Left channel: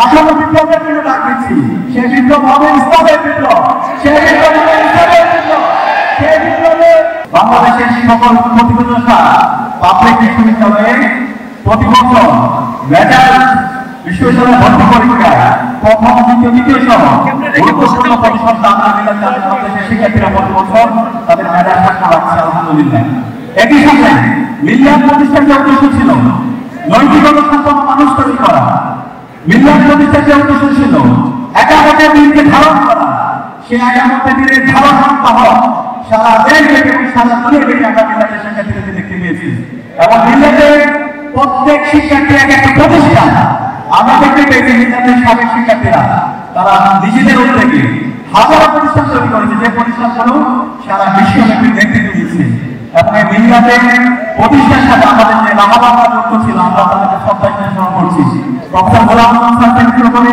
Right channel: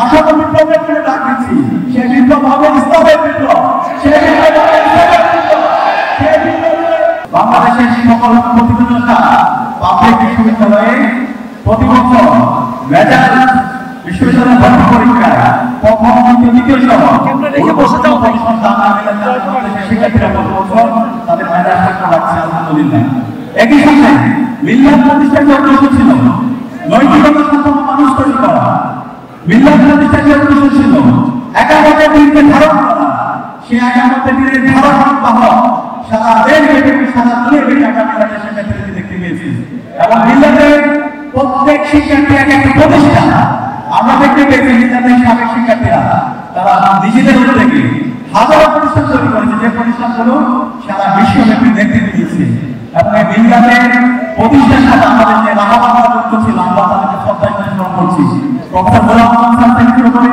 আসলে বিপ্লবের জন্য ডাক দিচ্ছি। সেই বিপ্লব হবে ইসলামের বিপ্লব, সেই বিপ্লব হবে ইসলামের বিপ্লব। সেই বিপ্লবে বাংলাদেশের সকল প্রতিষ্ঠান পাবলিক বিশ্ববিদ্যালয়ে প্রতি বছর মেধার বিশ্ববিদ্যালয় ভর্তি পরীক্ষায় প্রথম দ্বিতীয় সহ শিক্ষার্থীরা প্রতি বছর তাদের মেধা থাকা হচ্ছে আলহামদুলিল্লাহ। একই সাথে মিল্লাত প্রতিষ্ঠানের উদ্দেশ্য ছিল নৈতিকতা সম্পন্ন মানুষ তৈরি করা। মিল্লাত প্রতিষ্ঠানের উদ্দেশ্য ছিল একামতের দিনকে ধারণ করা। সে একামতের দিনের ধারণ পাওয়া সারা দেশ থেকে সারা দুনিয়া থেকে আমরা মিল্লাতের শিক্ষার্থীদের দেখতে পেয়েছি। এবং মিল্লাতের প্রত্যেক শিক্ষার্থী এক একটা প্রতিষ্ঠান আমরা দেখতে পেয়েছি। মিল্লাতের সাবেক শিক্ষার্থীরা তারা নিজেদের উদ্যোগে হাজার প্রতিষ্ঠান তৈরি করেছে, যে প্রতিষ্ঠানগুলো সারা বিশ্বব্যাপী দেখতে পেয়েছে। এবং এই মিল্লাতের প্রতিষ্ঠার সাথে আমাদের যে রাহাবাবা যুক্ত ছিল, আমরা তাদেরকে শ্রদ্ধা স্মরণ করছি। প্রফেসর গোলাম মোহাম্মদ থেকে শুরু করে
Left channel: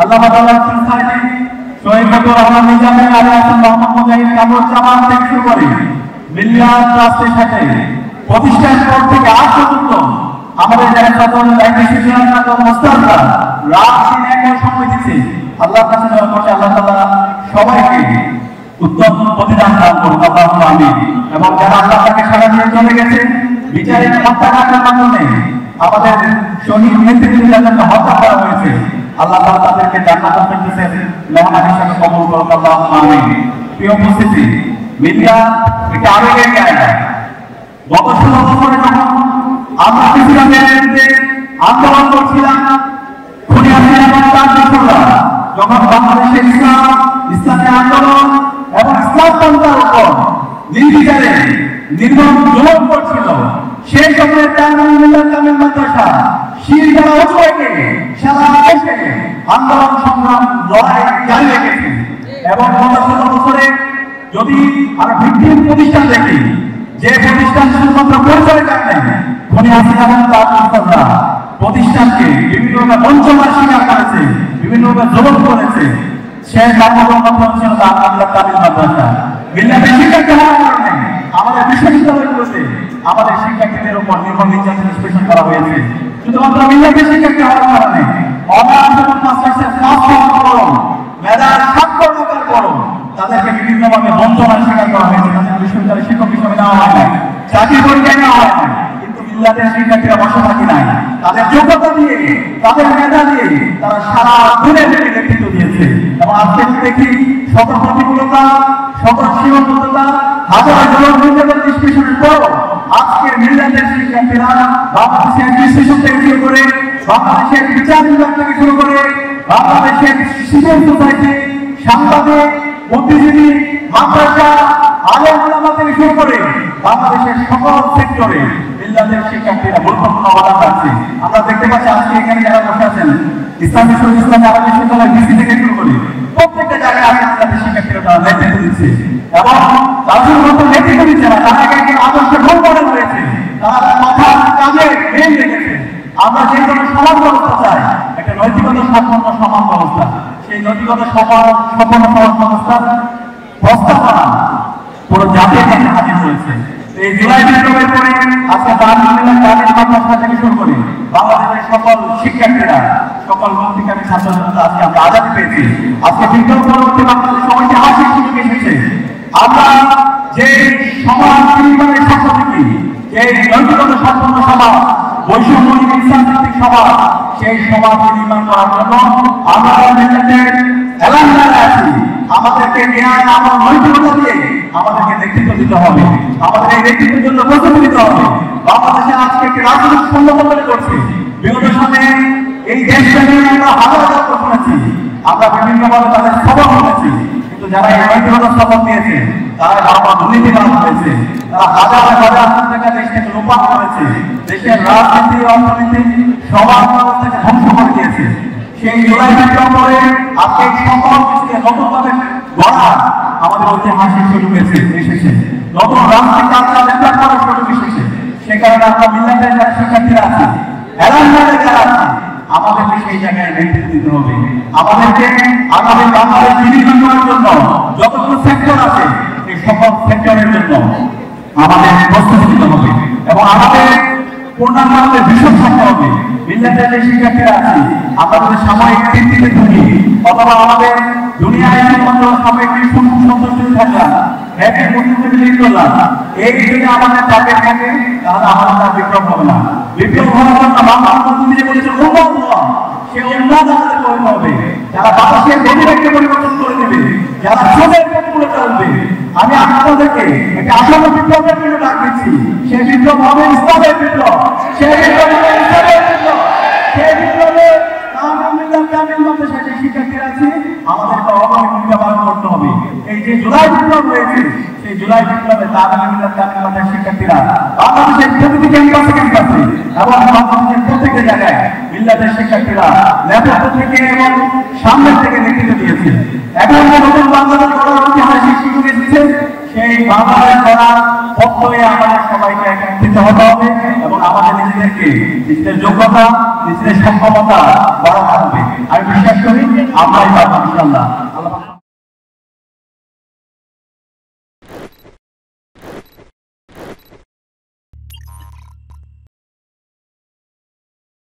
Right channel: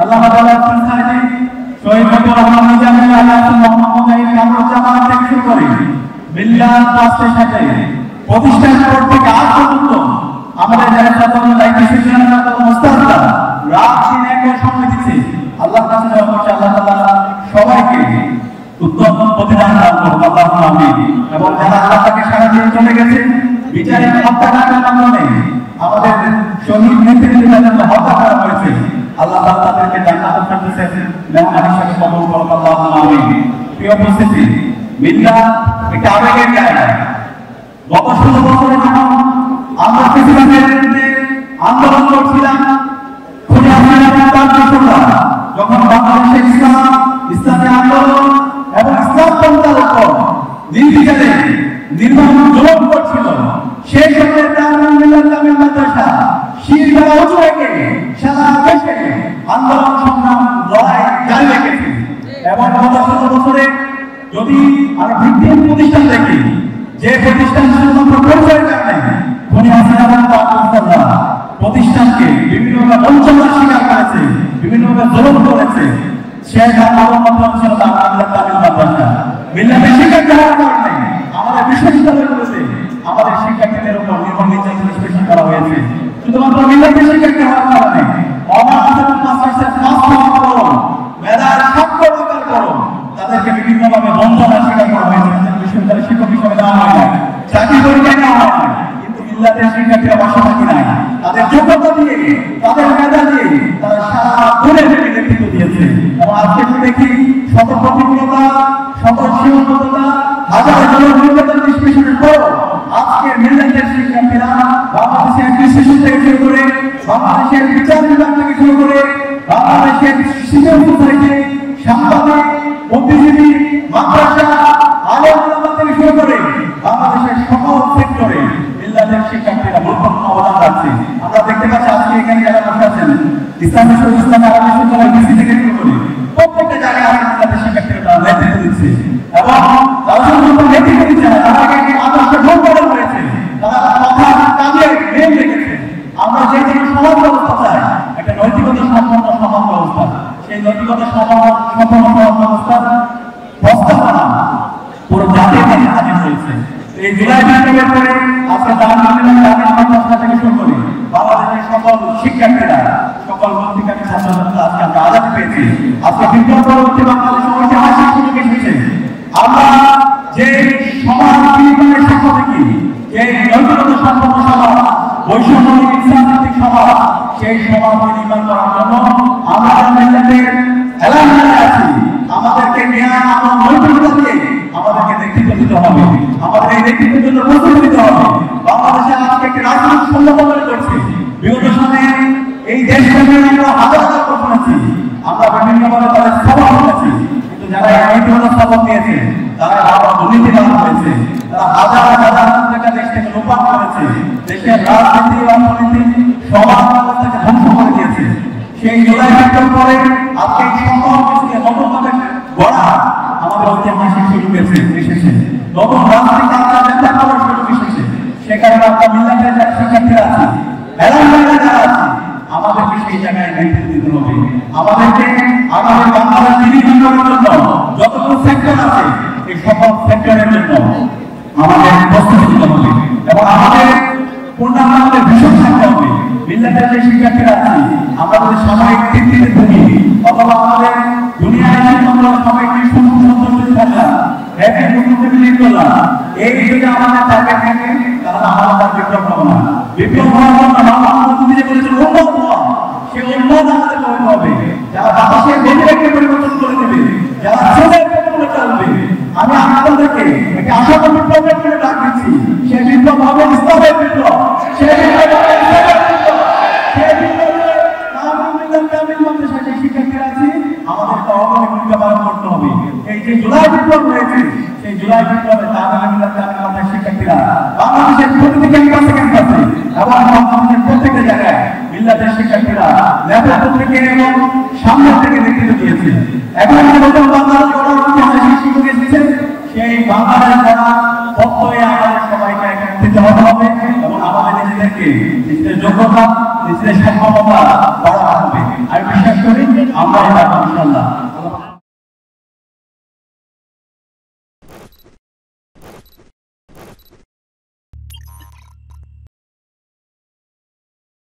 আল্লামা দাওলাত খান সাইদি, শহীদ নজরুল রহমান নিজামী, আলী হাসান মোহাম্মদ মুজাহিদ, কামরুজ্জামান থেকে শুরু করে মিল্লাত ট্রাস্টের সাথে প্রতিষ্ঠার পর থেকে আজ পর্যন্ত আমাদের যারা ছাত্র মুস্তাদরা রাত দিন এক সময় দিচ্ছে। আল্লাহর কাছে দোয়া করছি আল্লাহ তাআলা সবাইকে উত্তম প্রতিদান দান করুন, আল্লাহুম্মা আমিন। এবং যারা আল্লাহ তাকে সাড়া দিয়ে চলে গেছে বিচারিক হত্যাকাণ্ডের মাধ্যমে আমাদের শহীদ নেতৃত্বের জন্য হত্যা করা হয়েছে, আল্লাহ তাআলা তাদেরকে জান্নাতুল ফেরদৌসের মেহমান হিসেবে কবুল করুন, আল্লাহুম্মা আমিন। প্রিয় উপস্থিতি, মিল্লাত একটা আবেগের জায়গা। গত 16 বছরে যখন আমরা ফিলিস্তিনের বিরুদ্ধে আন্দোলন করছিলাম, খুনি হাসিনা এবং তার দোসররা যখন বাংলাদেশের ইসলামী আন্দোলন এবং ইসলাম পন্থার উপর নির্বিচারে নির্মম জুলুম করছিল, সেই সময় জামিল মাদ্রাসা শিরদার উঁচু রেখে সারা দেশে আন্দোলন সংগ্রাম লড়াই জারি রেখেছে। এবং গত 16 বছরে যদি আমরা ভিত্তিহীন প্রতিষ্ঠান দেখি, যে প্রতিষ্ঠান শুধুমাত্র পরিচয় কাটে খুনি হাসিনা এবং তার দোসররা প্রতিষ্ঠানকে বিভিন্নভাবে বঞ্চনার শিকার করেছে, বিভিন্নভাবে জুলুম করেছে। শেষ আন্দোলন মাধ্যম ছিল জামিল মাদ্রাসা। মিল্লাতের শিক্ষার্থী হওয়ার কারণে আমাদের বিশ্ববিদ্যালয়গুলোতে আমাদের শিক্ষার্থীদের উপর নির্মম নির্যাতন নিষ্পেষণ করা হয়েছে। শুধুমাত্র মিল্লাতের শিক্ষার্থী হওয়ার কারণে অনার্স এবং মাস্টার্সের ক্লাস করুন, মেধার স্বাক্ষর দরকার করুন, তাদেরকে বিভিন্নভাবে বঞ্চনার শিকার করা হয়েছে। বিশ্ববিদ্যালয়ের শিক্ষক হিসেবে দেওয়া হয় না, চাকরি পরীক্ষায় নেওয়া হয় না। কিন্তু মিল্লাতের শিক্ষার্থীরা বসে থাকি নাই, তাদের যোগ্যতা দিয়ে, তাদের মেধা দিয়ে তারা সারা দুনিয়া থেকে নেতৃত্ব দিয়েছে। এবং আজকে দেখি শত প্রতিকূলতা, শত সীমাবদ্ধতা, হাজার হাজার নির্যাতন নিষ্পেষণের পর আজকে মিল্লাতের শিক্ষার্থীরা বাংলাদেশের বিশ্লেষণ থেকে শুরু করে, বাংলাদেশের বিচার বিভাগ থেকে শুরু করে, বাংলাদেশের সিভিল সোসাইটি, সাংবাদিক, বুদ্ধিজীবী, মাদ্রাসা, আলেম ওলামা থেকে শুরু করে বাংলাদেশের সকল সেক্টরে মিল্লাতের শিক্ষার্থীরা গুরুত্বপূর্ণ অবদান রাখছে। আমরা দেখতে পাচ্ছি আজকে এখানে যারা বসে আছেন, ইসলামী শরীফ ইসলামী আরবি বিশ্ববিদ্যালয় ডিসি থেকে শুরু করে প্রত্যেকটা জায়গায় আমাদের মিল্লাতের শিক্ষার্থীরা তারা নেতৃত্ব দিচ্ছে। এবং তারা শুধুমাত্র নেতৃত্ব দিচ্ছে না, তারা একে আদর্শে ভুল করে রয়েছে, তারা কথা কাজে মেন রেখেছে। আমরা যে কোনো সমাজ ব্যবস্থা চাই, একটা নৈতিকতা সম্পন্ন সমাজ ব্যবস্থা, সেই নৈতিকতা সম্পন্ন সমাজ ব্যবস্থার প্রস্তাবনা পুরো জাতির কাছে হাজির হয়েছে। এই জুলাই বিপ্লবের পরে আজকে জামিল মাদ্রাসা থেকে শুরু করে বাংলাদেশের সকল শিক্ষার্থীরা, সকল মুক্তিকামী ছাত্রছাত্রীরা আজকে আমরা আজাদ পেয়েছি। আজকে বিপ্লব পরবর্তী বাংলাদেশ সবাইকে হাসির সুযোগ এসেছে। আমরা যে সমাজ নির্মাণের স্বপ্ন দেখি, যে নৈতিকতা সম্পন্ন সমাজ, বৈষম্যহীন ইসলামভিত্তিক সমাজ, সেই সমাজ নির্মাণ করার জন্য আমরা মিল্লাতের এলাকায় আছি। আমাদেরকে জ্ঞান এবং নৈতিকতা দিয়ে আমাদেরকে নেতৃত্ব দিতে হবে, আমাদের এই নেতৃত্বের জন্য প্রস্তুতি নিতে হবে। বাংলাদেশের আজকে একটি রাজনৈতিক শূন্যতা করছে। বিগত সময়ে এই দেশকে আমরা হাজার হাজার শুনেছি, আমরা বিভিন্নভাবে তাদের খবর শুনেছি, কিন্তু যারা এই নৈতিকতা শপথ নিয়েছে তারা বাবা দুর্নীতিবাজ হয়েছে, তারা হাজার হাজার টাকা দেশ থেকে লোপাট করেছে, দেশের রাজনীতি, অর্থনীতি, সমাজ ব্যবস্থাকে ধ্বংস করে দিয়েছে। সেই জুলাই বিপ্লব পরে আজকে সকল কিছুকে নতুনভাবে গড়া আমাদের ঐতিহাসিক সুযোগ এসেছে, নতুন রাজনৈতিক আন্দোলন নেতা করার সুযোগ এসেছে। সে কারণে আমরা মিল্লাতের শিক্ষার্থীরা আছি, এলাকায় যারা আছি, আমাদেরকে সেই জায়গায় নেতৃত্ব দিতে হবে। আমাদেরকে আমাদের বাংলাদেশ নির্মাণ করার জন্য যতগুলো সেক্টর আছে, এই সকল সেক্টরের জন্য আমাদের প্রস্তুতি নিতে হবে। এবং আমাদের পূর্ণাঙ্গ আমাদের ভীষণ থাকতে হবে। মিল্লাতের যে শিক্ষার্থীরা আছি আমরা যদি সাময়িক তৃপ্তিতে থাকি অথবা আমাদের দুনিয়ায় আমরা সাময়িক সন্তুষ্ট থাকলাম একের মধ্যে বিলীন করলাম, এই যদি আমাদের টার্গেট থাকে তাহলে আমরা বিপ্লব হবে না। বিপ্লব হওয়ার জন্য মহাত্মা গান্ধী বলেছেন উন্নত হওয়া, সে উন্নত আমাদের করতে হবে। যারা বাতাসের গতিটাকে পরিবর্তন করে দেবে, যারা স্রোতের পরিবর্তন করবে, আমি আপনাদেরকে একটি আশাবাদী বিপ্লবের জন্য ডাক দিচ্ছি। সেই বিপ্লব হবে ইসলামের বিপ্লব, সেই বিপ্লব হবে ইসলামের বিপ্লব, সেই বিপ্লবে শিক্ষার্থীরা আছে আমাদেরকে অবশ্যই ভূমিকা পালন করতে হবে। এই যে জুলাই বিপ্লব রয়েছে সেই জুলাই বিপ্লবে শিক্ষার্থীরা বাংলাদেশের প্রতিটি ক্যাম্পাসে এবং বাংলাদেশের প্রত্যেকটা জায়গায় মিল্লাতের শিক্ষার্থীরা নেতৃত্ব থেকে এবং সামনের থেকে নেতৃত্ব দিয়েছে। এখন নতুন বাংলাদেশ গড়ার ঐতিহাসিক সুযোগ এসেছে, সেই বাংলাদেশ গড়ার পক্ষে আমাদের সবাইকে একত্রিত হতে হবে এবং আমাদের নিজেদেরকে নিজেদের যোগ্যতা নিজেদের সক্ষমতা বাড়াতে হবে। আমি বিশ্বাস করি আমরা ইনশাআল্লাহ